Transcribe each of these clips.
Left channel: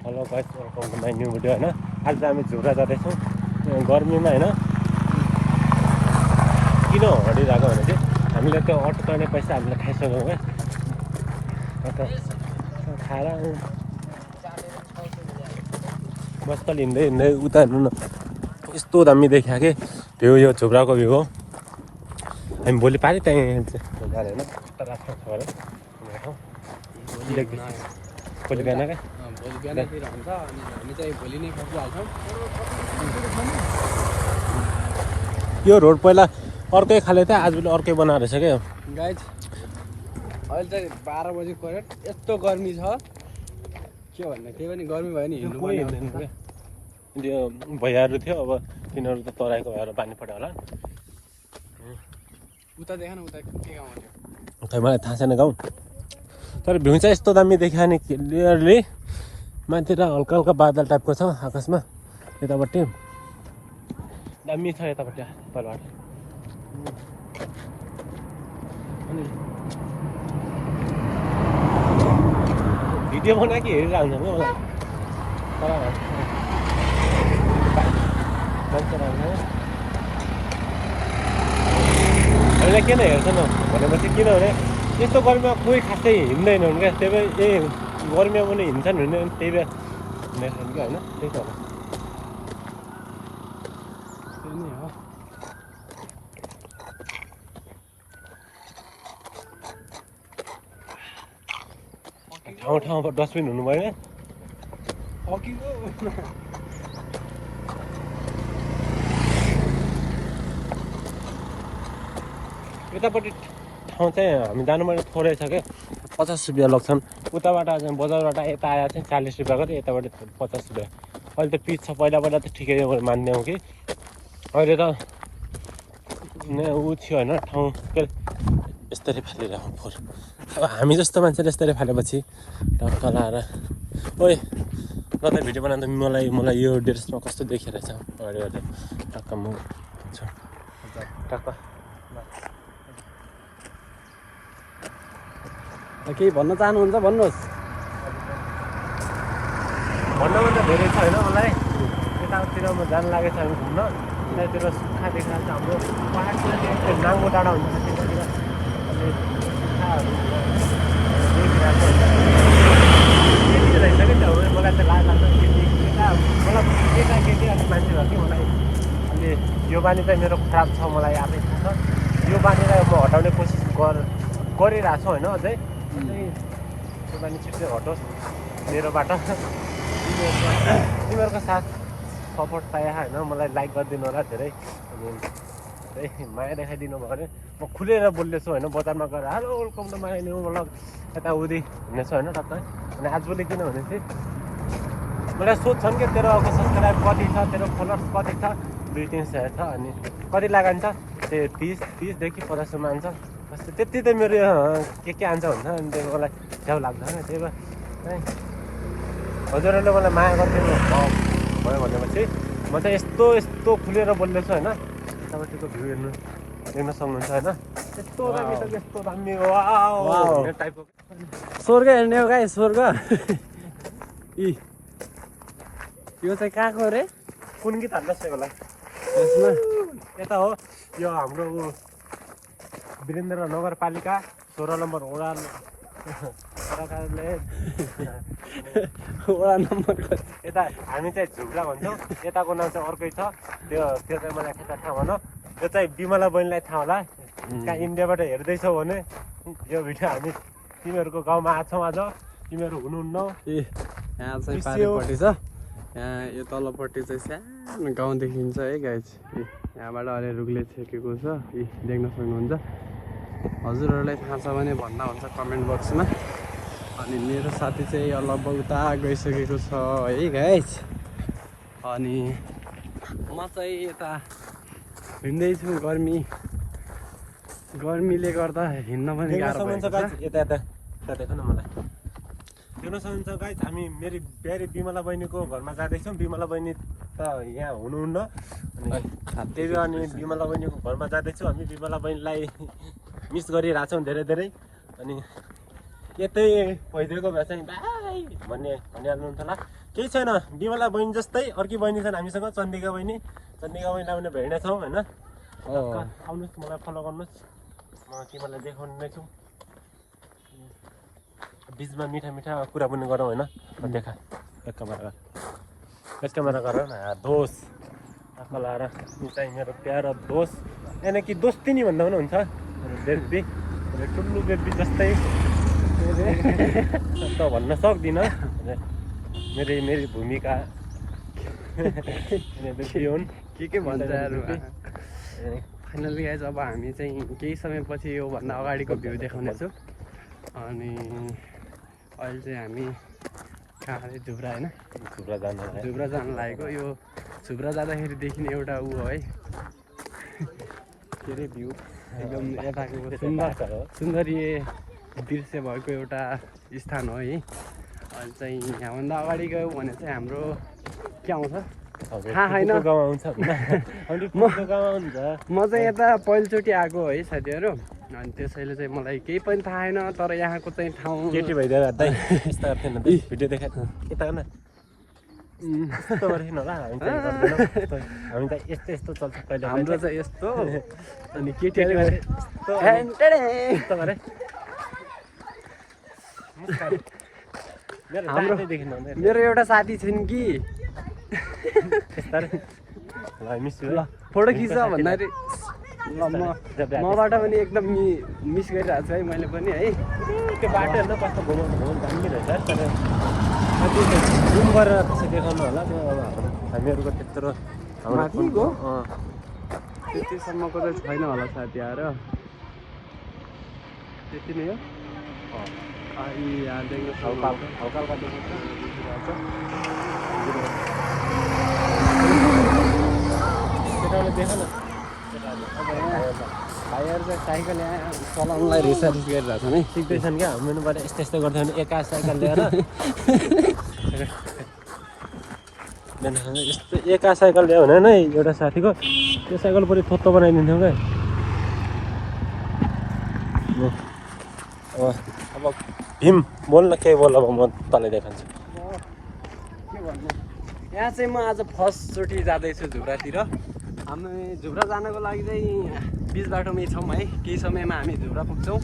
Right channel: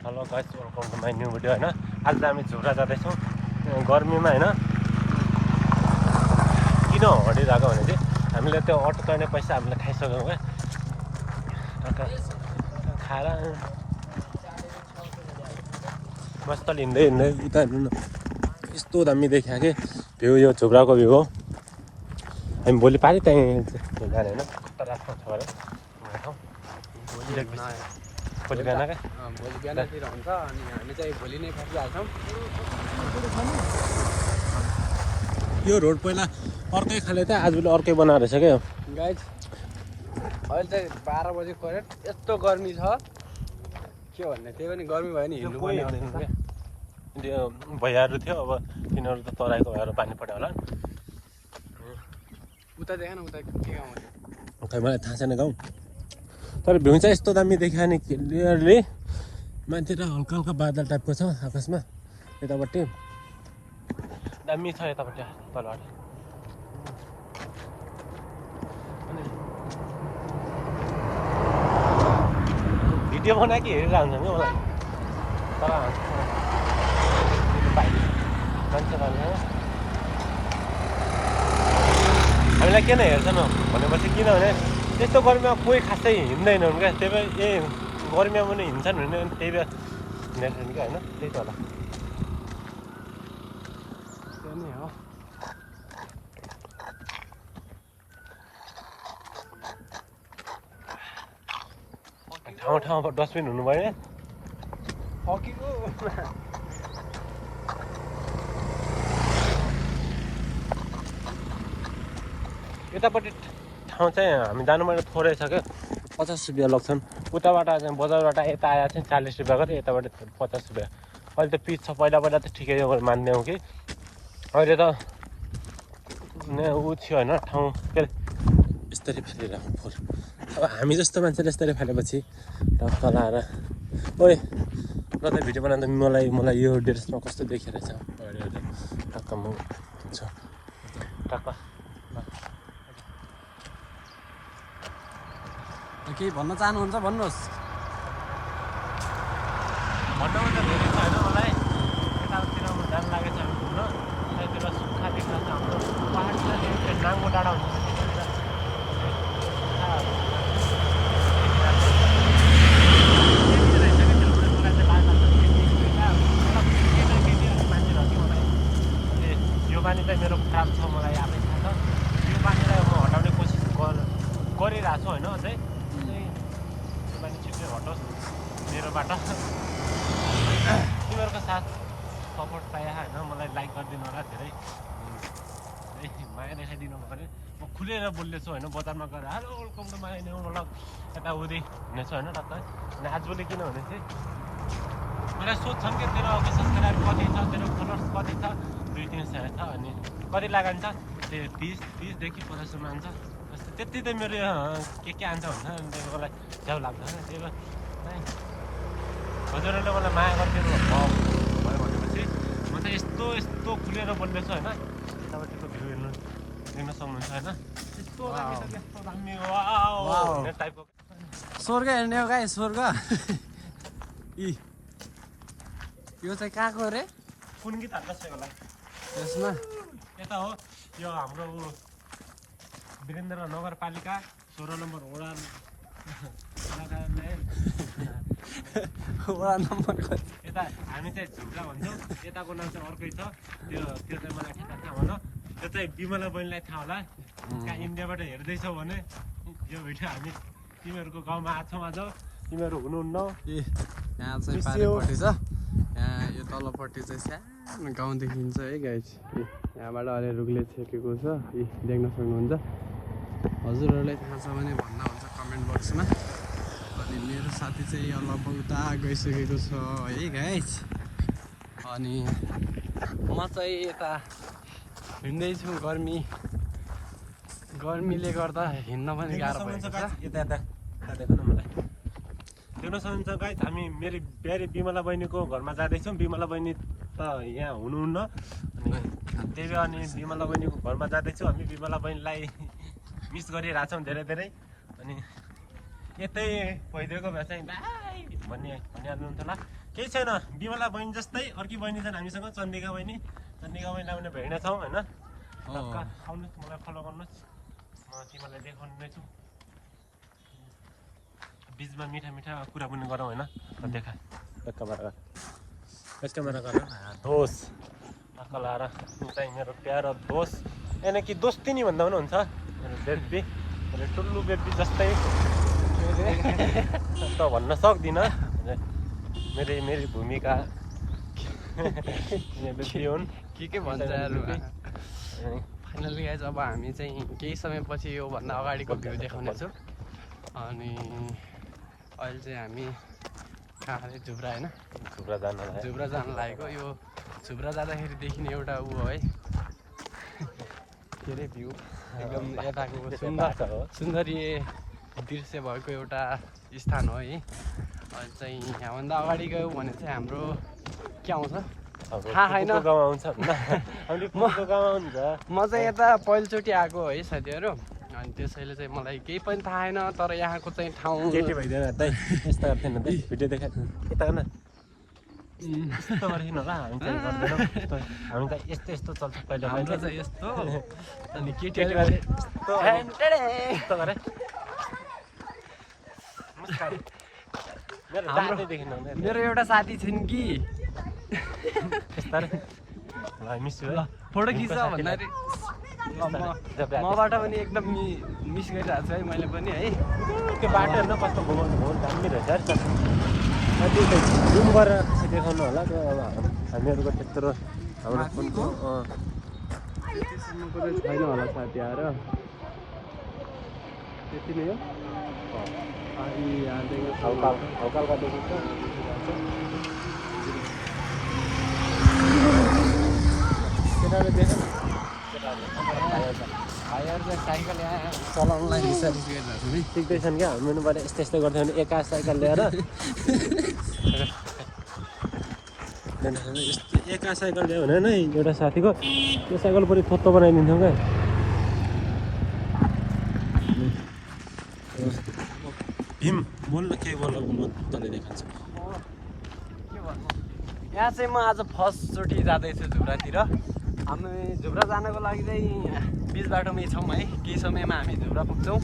Hello guys, welcome to my new video होइन। आज चाहिँ हामी झुरा जाँदैछौँ गर्मीमा होइन। किन हरिरहेको भने चाहिँ हामीले त्यो अटो चढ्ने पैसा हामीले खाइसक्यौँ क्या। खाएर मस्तल हिँड्दै हिँड्दै उता हेर्नु न, यस्तो दामी देखियो कि त्यो यो झुलाको भ्यू हो। हामी भोलि पारि त्यहीँ झुलाएर होइन कता राख्छ अरे भोलि बिहान क्या भोलि बिहानतिर हुन्छ अनि हामी चाहिँ भोलि नै फर्किहाल्छौँ। यो रोड पहिला अर्कै खाले थियो, आज अर्कै बनाएर रहेछ क्या। गाइस अहिले चाहिँ 12 बजी करेक्ट यस्तो गर्मी छ के भन्ने। त्यो पनि गर्मी भयो नि हिँड्नु कोही हिँड्दैन क्या। त्यो भैयाहरू थियो, अब तिनीहरू त तराईको भएर पानी पऱ्यो होला। उता देख न उता के खै मलाई थाहा छैन गाउँ, तर भ्यू चाहिँ यस्तो दामी देखियो नि क्लियरली। माथितिर हल्का हल्का बादल टाइपको छ आकाशमा, यतापट्टि दामी छ यतापट्टि तलबाट। अनि भिडियो बनाएको हेरिरहन्छ क्या मलाई, तर मान्छे लाग्दैन। हामीलाई किन हेर्छ न भनेपछि, किनभने यस्तो गर्मीमा कोही खासै हिँड्दैनन् क्या। त्यही भएर ए गर्मीमा पनि हिँड्छन् भने त्यही भएर हिँड्दैछन् क्या होइन। त्यही त होला, त्यो नै हो। ठाउँ ठाउँमा डस्टबिन हुनु भयो। यतापट्टि ठाउँ चाहिँ हामी जानु मैले थोरै छ क्या, 50 रुपियाँ लाग्छन्। उताबाट चाहिँ बजारबाट यता आएर चाहिँ 40 रुपियाँ गऱ्यो, यताबाट 50 रुपियाँ। अहिले त पिच छ, पहिला पहिला त ठिकै मान्दैनौँ कि अहिले त ऊ थियो होइन ठाउँ के यस्तरी फालिरहेको फोहोर। अब हामी जस्तो मान्छेले यस्तरी फालेपछि तल आएर ओए ल त भिडियो बनाउँदा मलाई यो ड्रेसमा कस्तो देखिरहेछ अगाडि टक्क म हुन्छ टक्क केही भन्न चाहनुहुन्छ भन्नुहोस्। भन्नमा त धेरै छ होइन। मलाई यतातिर म जानु लागेको छ हामी घुम्न। यतातिर सुक्खा देखिरहेको छ हाम्रो पहाडतिर, त्यो नाङ्गो डाँडा हुन्छ त्यतातिर अनि सुक्खाहरू देखिरहेको छ। केटी रहेछ कि त्यो मलाई चाहिँ लाग्छ केटी केटा, मलाई केटाकेटी अलिक मान्छे भयो कि मलाई अलि यो बानी चाहिँ मेरो खराब छ, मलाई आफै थाहा छ। यो बानीलाई म हटाउने कोसिस गरिरहेको छु होइन। अझै यो बानी छिट्टै हटोस् मेरोबाट। तिमीहरूको साथ सपोर्ट पाएँ होइन। मलाई लाइक गरिदिनु होला धेरै, अनि धेरै माया देखाइदिनु भयो भने म खुलेर बोल्दैछु होइन। बजारमा गएर hello welcome to my new vlog यताउति हुनेछ होइन टक्कै। अनि आजभोलि किनभने चाहिँ मलाई सोध्छन् कि तेरो अब सब्सक्राइब कति छ, तेरो फलोवर्स कति छ, 200-300 छ, अनि कति लगान्छ त्यो 30देखि 50 आन्छ कस्तो। त्यति त मेरो के आन्छ भन्छ, अनि त्यो मलाई झ्याउ लाग्दैन। त्यही भएर चाहिँ हजुरहरूले मलाई माया गरिदिनु भयो भनेपछि म चाहिँ यस्तो खुलेर बोल्दैछु होइन। यतापट्टिको भ्यू देख्न सक्नुहुन्छ होइन। यस्तो दामी त यस्तो दामी वाउ टाइपको स्वर्ग हेर्ने हो गाई, स्वर्ग। यो चाहिँ कहाँको रे? कुन गीत हाल्दैछ होला यसमा? यता हो, यो हाम्रो वीरेन्द्र नगरपालिका 16 नम्बर वडा नम्बरको यता हामी चाहिँ झुब्रा भन्छौँ। यताको नाम चाहिँ अर्कै छ, त्यो चाहिँ मलाई ठेक्का थाहा भन। यो चाहिँ बिमला बहिनीलाई थाहा होला। कहाँ इन्डियाबाट हेर्दैछौ भने यो भिडियो हामी तिमीहरूको गाउँमा आएको छौँ आज, तिमीहरू हुनुहुन्न। यहाँ चाहिँ पारिपट्टि छ, यहाँ यो तलपट्टि चाहिँ सानो गाउँ देखिन्छ है गाइस। यहाँबाट अलि रुखले छेकेको छ, देख्न सक्नुहुन्छ। हजुरहरूलाई थाहा छ भने भन्दा हुन्छ कमेन्ट बक्समा। अनि मेरो साथी चाहिँ लगभग उता गइसकेको छ है गाइस। अनि म चाहिँ यता हिँड्दैछु, गर्मीले गर्दा हिँड्न पनि गाह्रो भएको छ। यता देख्नु मलाई देख्न सक्नुहुन्छ गाइस। हामी मेरो प्यारी बिमला बहिनीको घरमा जाँदैछौँ। बिमला बहिनी त यहाँ हुनुहुन्न, अनि त्यही भएर अनि बिमला बहिनीको घरमा जाँदैछु। हामी बिमला बहिनीलाई मिस गरिरहेछौँ धेरै धेरै। अनि यतै भइदिएको भए चाहिँ भाइ भनिहाल्नुहुन्थ्यो होला। केही छैन, बिमला बहिनी जस्तै अर्की बहिनी छन् हामीसँग, चन्दिका बहिनीलाई पनि भेट्नेछौँ होइन। आउनुहोस्, मलाई फलो गर्नुहोस्, म तिमीलाई देखाउने नै छु। बिचमा मिठा कुरा पनि गरौँ होइन। देखा यस क्यामेरा गर न दोस्त आँखा लाएर चाहिँ मेरो प्यारो दोस्त, यानि कि दोस्ती नि भन्दा पनि हुन्छ। बेबी मेरो टुल्लु बेबी जस्तै त भन्न सक्दिनँ। मेरी भूमिका बेबी हुन् के भन्छ यार। फाइनली गाइज अब हामी चाहिँ केही समयपछि योभन्दा अगाडिको भ्यू देखाउनेछु। अनि अहिले चाहिँ हामी कहाँ अरे झुब्रा होइन, झुब्रा जानु लागेको। यो झुब्रा जाँदाखेरि देखिने एउटा ऊ हो है, के अरे भ्यू एकदम यताको सुन्दरीय दृश्य भएको एउटा स्थान हो है। अहिले चाहिँ यहाँभन्दा अगाडि गयो भने चाहिँ हाम्रो के आउँछ थाहा छैन। म चाहिँ यता पहिलोचोटि आएको है साथीहरू, अनि त्यसैले चाहिँ मलाई केही पनि थाहा छैन। तर यहाँको चाहिँ ठाउँ केटी भइदिएर हामी त यस्तो चल्छ पहिला। हाम्रो चाहिँ यस्तो अनि केटीहरू मेरो एउटा साथी छिन् कि ल फोटो खिच्छ भन्दाखेरि ल मबाट पनि एकदम मिस गरिरहेको छु है मैले पनि है। त्यो बाटोहरू न कस्तो घुमाउनु हो दामी रहेछ तर माथि गयो त्यतिसम्मको चाहिँ छैन होला साथीहरू, त्यति नै हो। यहाँदेखि भाइहरू चाहिँ साइकल यहाँ चलाउनुलाई रिसर्च गरिरहेको छन् है। सिक्दैछन् क्या हाम्रो यस्तो गर्दा एका साइकल ल्यायो भने नै एउटा साथीको त्यो साइकल पनि थोत्तो बनाइदिन्थ्यौँ क्या। अब भीम बोल्न केही बोल, अब म तँलाई देखाउँछु। के भन्नु, यहाँ चाहिँ म आज फर्स्टचोटि जाँदैछु झुब्रातिर। हामी झुब्रा जानको लागि चाहिँ बिच बाटोमै छौँ है। केही समयमा हामी झुब्रा पुग्छौँ।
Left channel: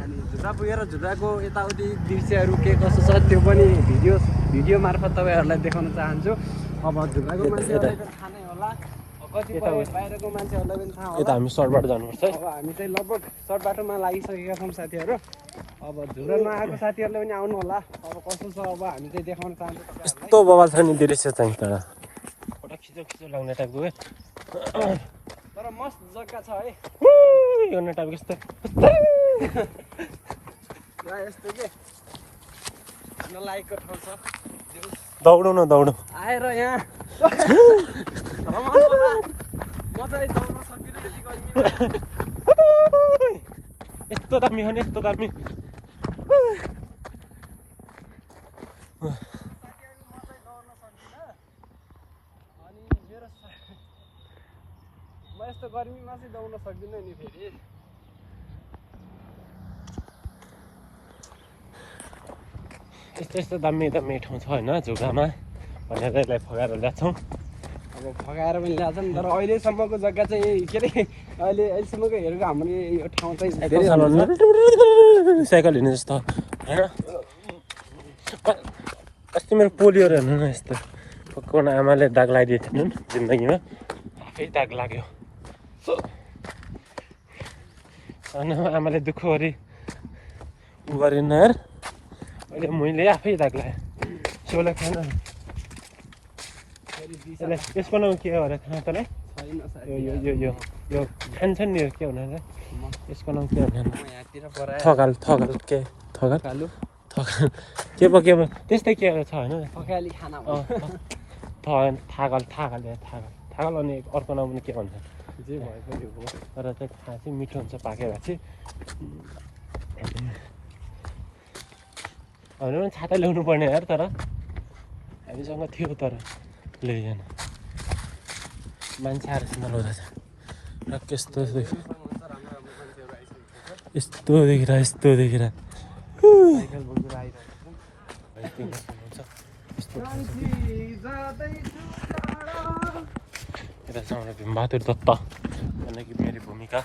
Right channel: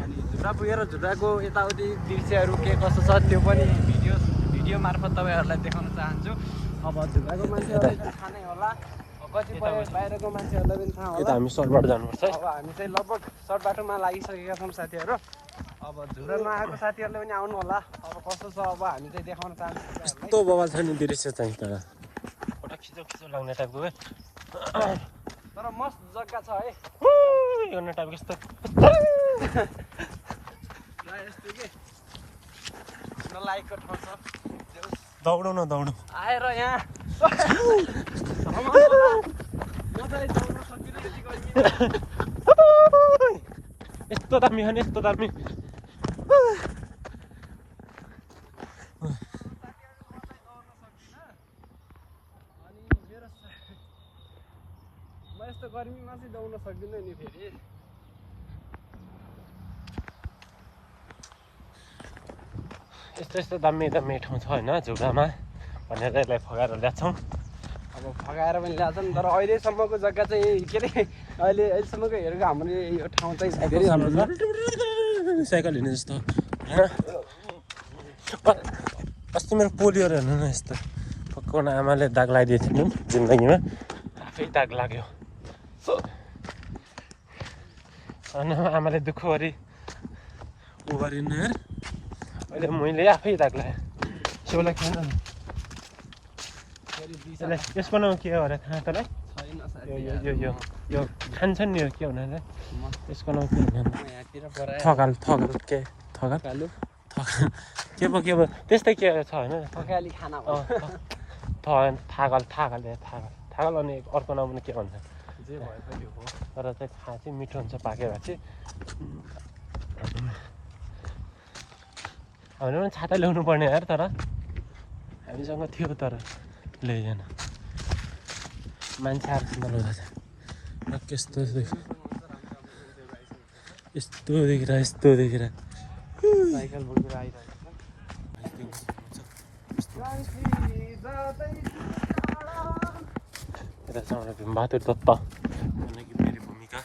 अनि झुब्रा पुगेर झुब्राको यताउति दृश्यहरू के कसो छ त्यो पनि भिडियो मार्फत तपाईँहरूलाई देखाउन चाहन्छु। अब झुब्राको खानै होला, कतिपय बाहिरको मान्छेहरूलाई यता हामी सर्टबाट जानुपर्छ। अब हामी चाहिँ लगभग सर्ट बाटोमा लागिसकेका छौँ साथीहरू। अब झुब्रामा आएको साथीहरूले पनि आउनु होला। अब कस्तो छ अब हामी चाहिँ देखाउन चाहन्छौँ। यस्तो बवाल छ नि दृश्य चाहिँ तर एउटा खिचो लाग्ने टाइपको क्या। तर मस्त जग्गा छ है गर्ने टाइपको यस्तो यस्तो के नलागेको ठाउँ छ। दौडौँ न दौडौँ आएर यहाँ यस्तो दामी खाने यस्तो दामी। म यस्तो गर्मीमा चाहिँ दौड्न सक्दिनँ नि फेरि। यस्तो दामी ठाउँ छ होइन झुब्रामा भनेर यसलाई फगाएर ल्याउँछौँ। अब फगाएर पनि ल्याउँछन् तर अहिलेसम्मको जग्गा चाहिँ के अरे अहिलेसम्मको हेरेको हाम्रो यो ठाउँ चाहिँ साइकल चलाउनु साइकल हिँड्नु जस्तो होइन। अस्ति मेरो पोलियोहरू हेर्नु न यस्तो पक्काउन आमाले दाग लगाइदिएको थिएन जिन्दगीमा, आफै दाग लाग्यो। अनि आमाले दुःख गरी उ गरेन यार, अहिले मैले आफै दाग लगाएँ। सोला खान यसको नाम के हो अरे थाहा तँलाई? यो खान्छन् नि के भनेर यसको नाम के भन्नु? थकाल के के पो त्यस्तै के छ होइन थाकल अनि अर्को नाम पनि के भन्छ जे भए पनि हो। तर चाहिँ थाहा चाहिँ मिठो हुन्छ पाकेर चाहिँ। होइन पनि छाता ल्याउनु पर्ने यार, तर हामीसँग थियो तर ल्याइएन। मान्छे आएर नलाउँदैछ यस्तो देखिरह साइकल बोकेर आइरहेको बहादुर दत्त यानी कि मेरी भूमिका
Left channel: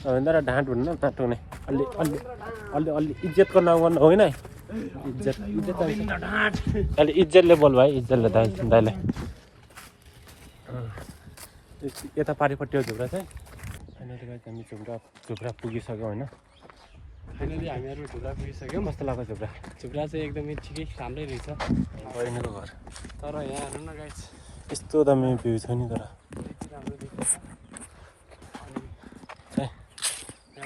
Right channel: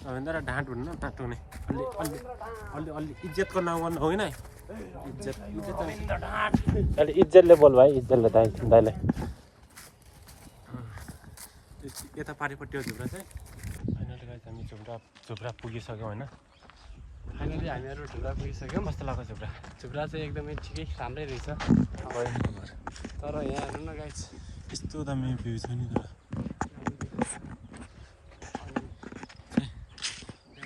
सबैभन्दा ढाँट हुन्न नटुने अलि अलि अलि अलि इज्जतको नाम गर्नु होइन है इज्जत इज्जत अलि इज्जतले बोल भाइ इज्जतले दाइले यता पारिपट्टि हो झुब्रा चाहिँ फाइनली गाइस हामी झुब्रा पुगिसक्यौँ होइन फाइनली हामीहरू ढुला पुगिसक्यौँ कस्तो लाग्यो झुब्रा झुब्रा चाहिँ एकदमै ठिकै राम्रै रहेछ बहिनीको घर यस्तो दामी भ्यू छ नि तर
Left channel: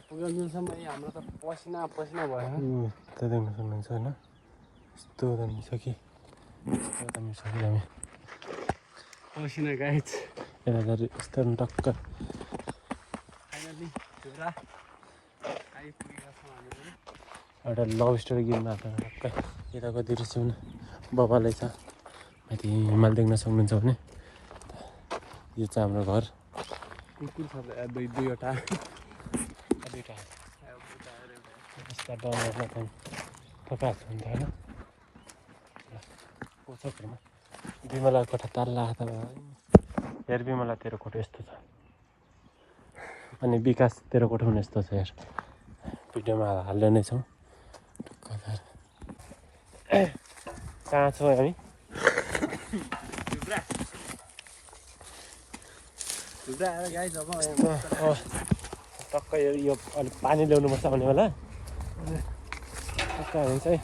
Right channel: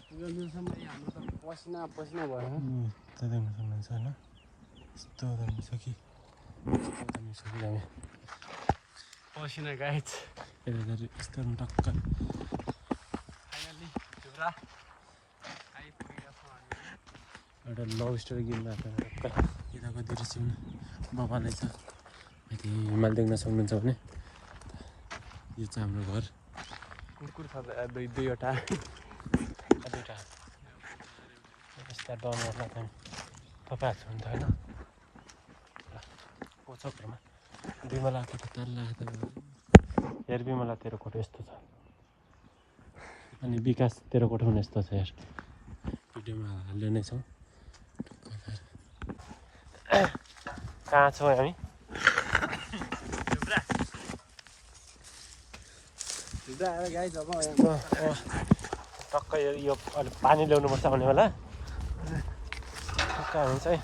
पुगेलसम्म हाम्रो त पसिना पसिना भयो त्यो देख्न सक्नुहुन्छ होइन यस्तो दामी छ कि दामी छ दामी पसिना गाइज यता यस्तो टक्क फाइनली झुब्रा आइपुगेका छौँ हामीहरू एउटा लभ स्टोरी गेम आएको यताको दृश्य हुन बबाले छ माथि हिमाल देख्न सक्नुहुन्छ भने यो चाहिँ हाम्रो घर कुकुर छ दुईवटा दुईवटा यस्ता डलरलाई चाहिँ थपाएको हुन्छ होइन पोछकहरूमा बिमला कोठा ताल्ला हात हेर बिमला तेरो कोठो यस्तो छ अनि विकास तेरो कोठो पनि यस्तो छ हेर भिडियोमा हाल्दै नै छौँ कहाँ छौँ हामी टक्क यो अलिक पानी ल्याउनुपर्छ आउने बेला टक्क हामी चाहिँ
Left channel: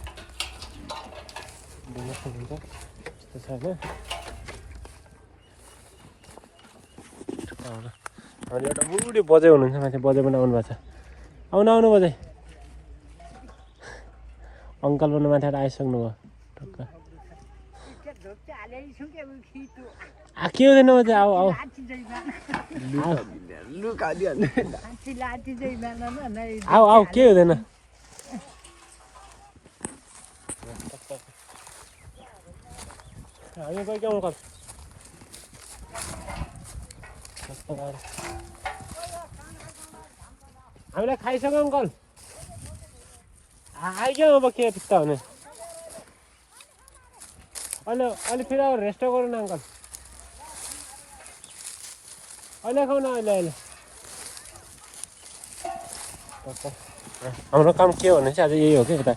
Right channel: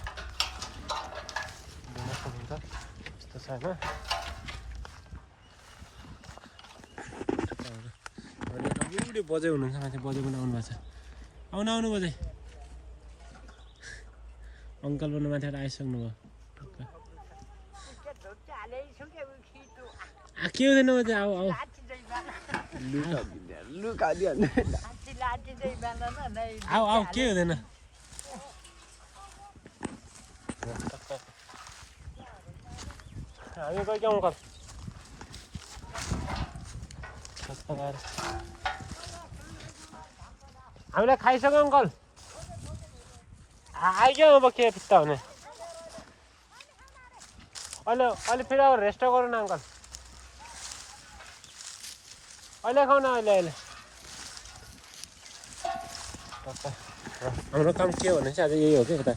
ढुङ्गा सुनिन्छ यस्तो छ होइन अनि एउटा बुढी बजाइ हुनुहुन्छ माथि बजाइ पनि आउनु भएको छ आउनु आउनु बजाइ अङ्कल पनि माथि आइसक्नु भयो टक्क के हुँदैन बजाइ आऊ आऊ आऊ आऊ के हुँदैन हामी गयो अङ्कल हामीलाई खाइसक्यो अङ्कल आइगयो अब के फिस्ता हुने अहिले अहिले फेरि अब रेस्ट गरौँ न अङ्कल अहिले खाऊ न अहिले अहिले हाम्रो काम के भने चाहिँ आज यही हो कि यता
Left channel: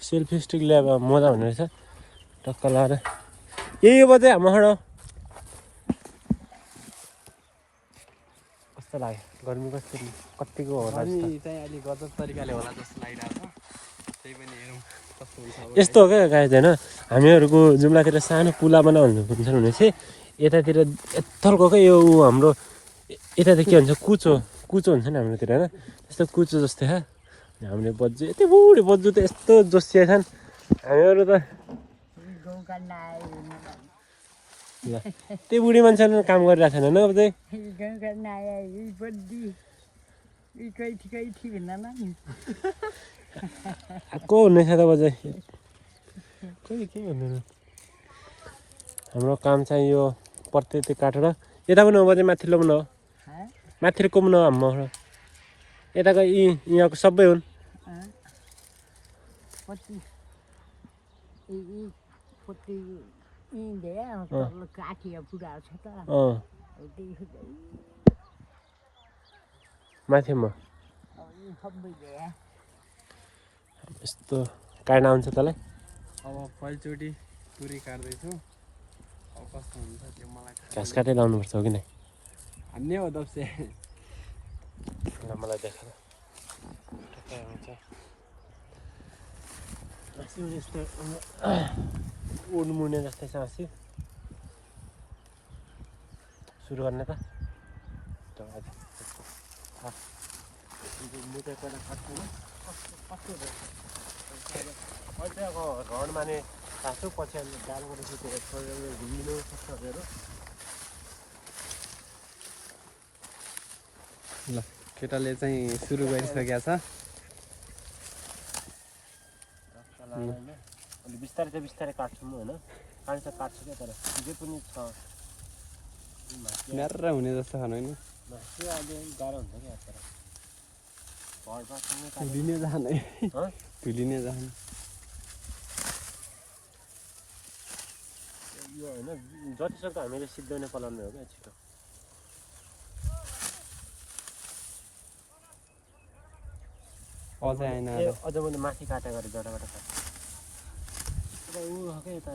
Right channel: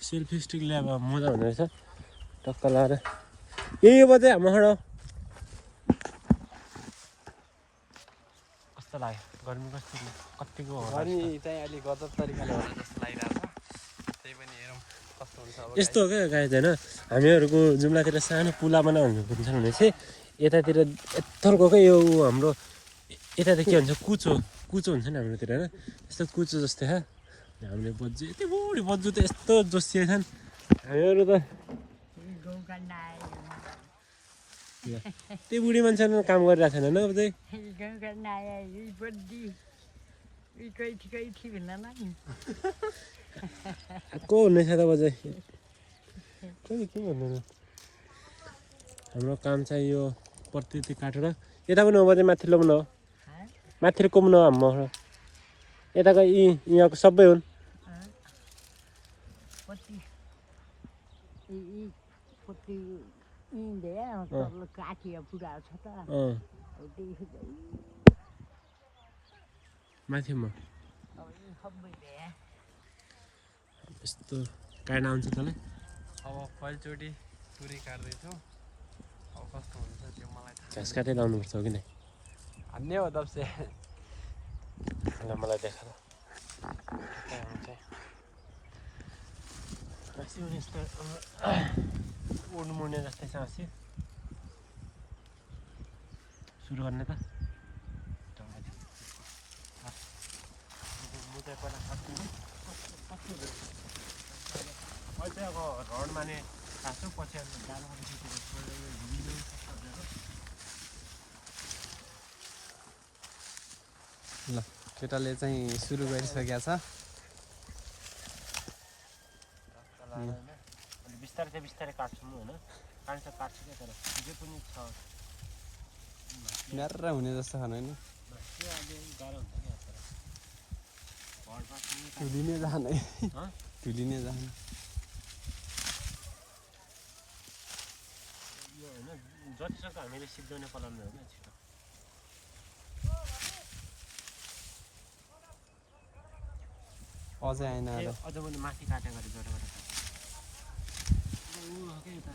सेल्फी स्टिक ल्याएर मजा हुने रहेछ टक्क लाएर यही बजे हाम्रो कस्तो लाग्यो गर्मी कतिको होला चाहिँ अलि गजब तरिकाले होला जस्तो लागिरहेको छ त्यही पनि हेरौँ कस्तो हुन्छ यस्तो हो क्या गाई होइन हामीहरूको जुम्लातिर सानो पुला बनाउनु हुन्छ भने चाहिँ यतातिर यत्तलको क्या यो हाम्रो यता त के भन्छ कुचो कुचो हुन्छ नि हाम्रोतिर होइन यस्तो कुचो जस्तै क्या हामीले बज्जू यति बुढी बज्जू त यस्तो जोसिया छन् हामीहरू त त्यो बुढी मान्छेले काम गरिरहेको छैन होइन अब चाहिँ को हुने छ त बजाइ हाम्रो काम चाहिँ यो प्रत्येक काटेर यता पनि हो बजाइ माथिल्लो पनि हो माथिको पनि हो हाम्रो यताको यहाँको सबै हुन् माथिमा यस्तो काट्न आउँछ तँलाई अब पहिलोचोटि पुरै काट्दैछु अब कस्तो हुन्छ त्यो मलाई थाहा घाँस काटेर लाउनुपर्छ हो कि नै हान्ने हो दब्से मलाई देखाएर यस्तो उड्मुड्ने जस्तै छ हाँसी सुरु गर्ने त अहिले अब रड माने तासो पछि डालबाट सुतेर घुमिनु सक्छ अरे ल केटाले चाहिँ सुरु गरिसकेको छ अलिक बिस्तारै चाहिँ बिस्तारै काट्छु म होइन काट्छ क्या तर जे पनि छ न्यारा हुने जस्तो खानु होइन मासु अहिले गाह्रो हुन्छ क्या तर भरपासँग धुलिने जाने धुलिने जाने यो होइन जतिसक्दो हामीले सिद्धाउने पलाउने हो क्या छिटो अझै आएन अझ मैले माथि काटेको गरेँ जराबाट काटेँ ऊ हो क्या यता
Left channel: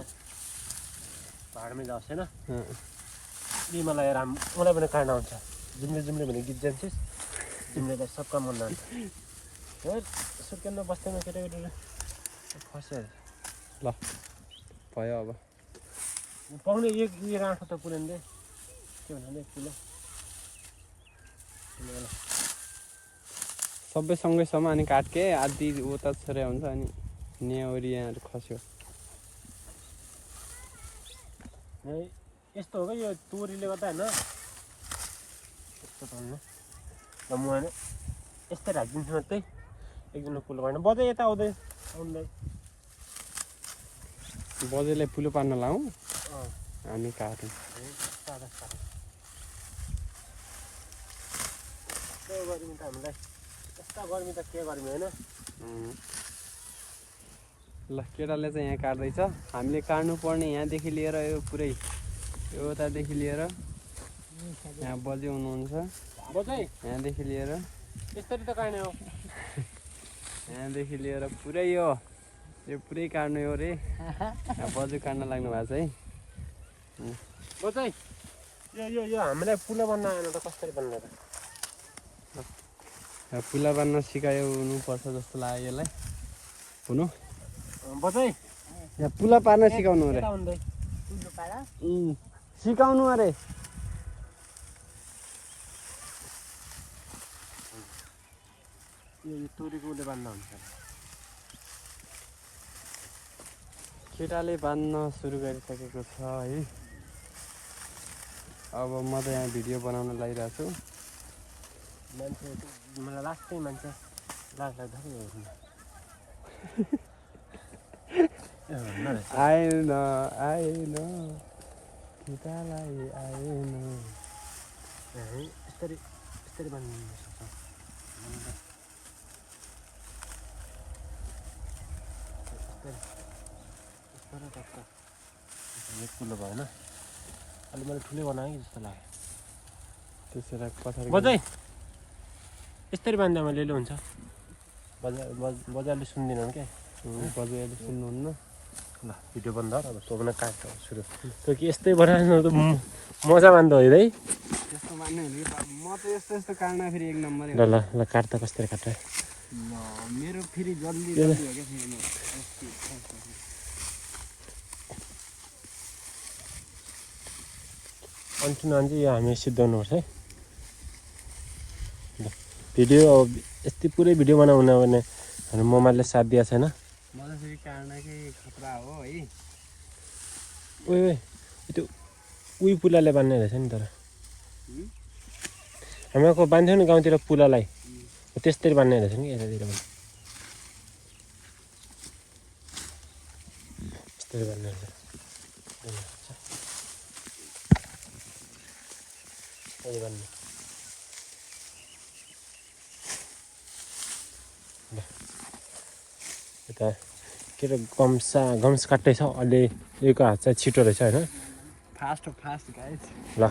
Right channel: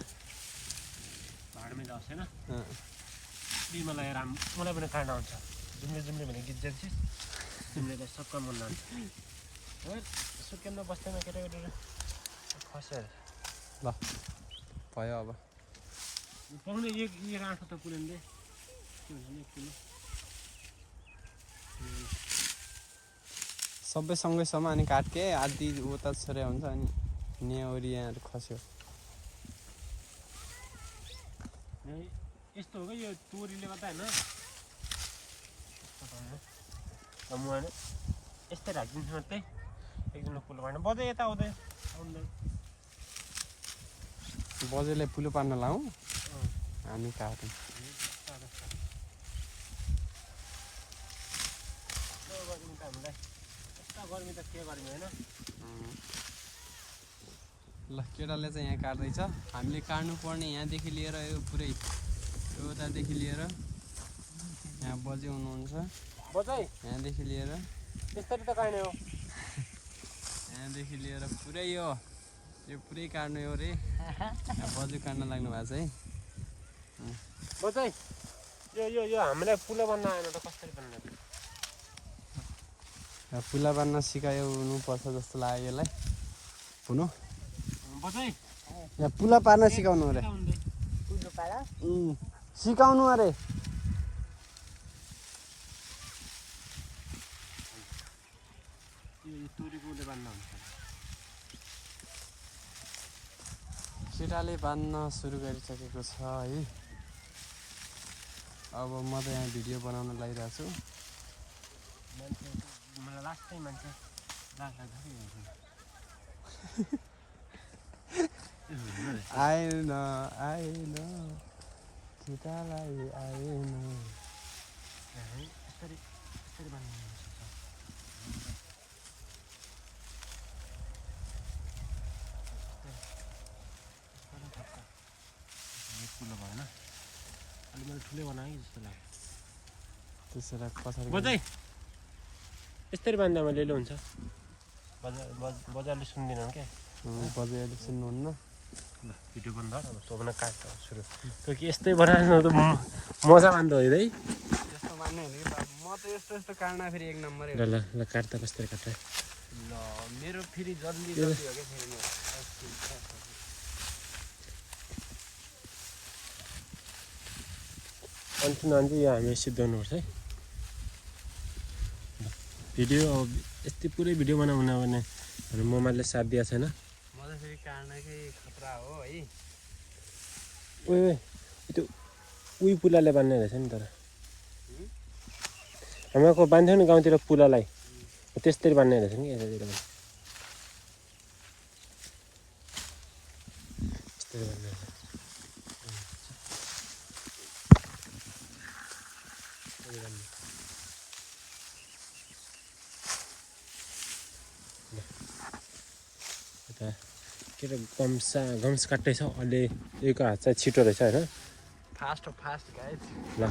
भाडमै जाओस् होइन मलाई मलाई पनि काट्न आउँछ जुम्ले जुम्ले भने गीत जान्छ जुम्लेलाई सबका मन लान्छ सुर्केनमा बस्दैन केटाकेटीहरू खस्यो ल भयो अब पाउने एक आँखा त पुऱ्याउँदै के भन्नाले 1 किलो सबै सँगैसम्म अनि काटके आधी उता छोरे हुन्छ अनि नेवरी यहाँहरू खस्यो यस्तो हो क्या यो तोरीले गर्दा होइन यस्तो चल्नु ल म होइन यस्तै राखिदिन्छु मात्रै एकजना पुलो पार्नु बजै यता आउँदै बजेलाई पुलो पार्न लाउँ हामी काटौँ गर्मी त हामीलाई यस्ता गर्मी त के गर्मी होइन ल केटाले चाहिँ यहाँ काट्दैछ हामीले काट्नुपर्ने यहाँदेखि लिएर यो पुरै यतादेखि लिएर यहाँ बजे हुनुहुन्छ यहाँदेखि लिएर त्यसरी त काट्ने हो यहाँदेखि लिएर पुरै यो पुरै काट्नु हो रे यहाँ बजे काट्न लाग्नु भएको छ है बजै यो हामीलाई पुलो बन्न आएन त कसरी बन्ने त पुला बान्न सिकाउनुपर्छ जस्तो लाग्यो यसलाई हुनु बजै यहाँ पुला पार्न सिकाउनु अरे सिकाउनु अरे यो तोरीको उसले बान्दा हुन्छ केटाले बान्न सुरु गरिसकेको छ है अब म त यहाँ भिडियो बनाउन लागिरहेको छु मान्छे मलाई लास्टै मान्छे लाग्छ आएन आएन केटालाई आएन यसरी बान्नु सक्छ एक किलो भएन अलि मैले ठुलै बनाएँ जस्तो लाग्यो त्यसरी पछाडि बजै यसरी बान्दा मैले हुन्छ बजारले सुन्दिनँ क्या बजारले सुन्नुहुन्न ल भिडियो बन्द अब तँ पनि काट्छ सुरु तँ कि यस्तै बनाएन त मजा मान्दा हो है यस्तो मान्ने हो नि म त यस्तो काट्न फेरि 1 नम्बरै ल ल ल काट्दा कसरी काट्छ ल मेरो फेरि जल्दी हो क्या फेरि म यो हामी सिद्धाउनुपर्छ है भिडियो अब यस्तै पुरै भिडियो बनाउनु भने मोबाइलले साथ दिएको छैन म त फेरि काट्नकै खतरा हो है त्यो उही पुलाले बान्ने रहेछ नि तर हामीहरूको बान्थ्यो नि गाउँतिर पुलालाई त्यस्तरी बान्ने रहेछ नि यतातिर यस्तरी बान्ने रहेछ यता के अरे गम्स काट्दैछ अहिले यो हात चाहिँ छिटो रहेछ होइन फास्ट गाइज ल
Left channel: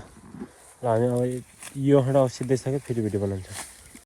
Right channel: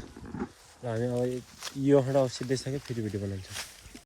हामी अब यो सिद्धिसक्यो फेरि भिडियो बनाउँछ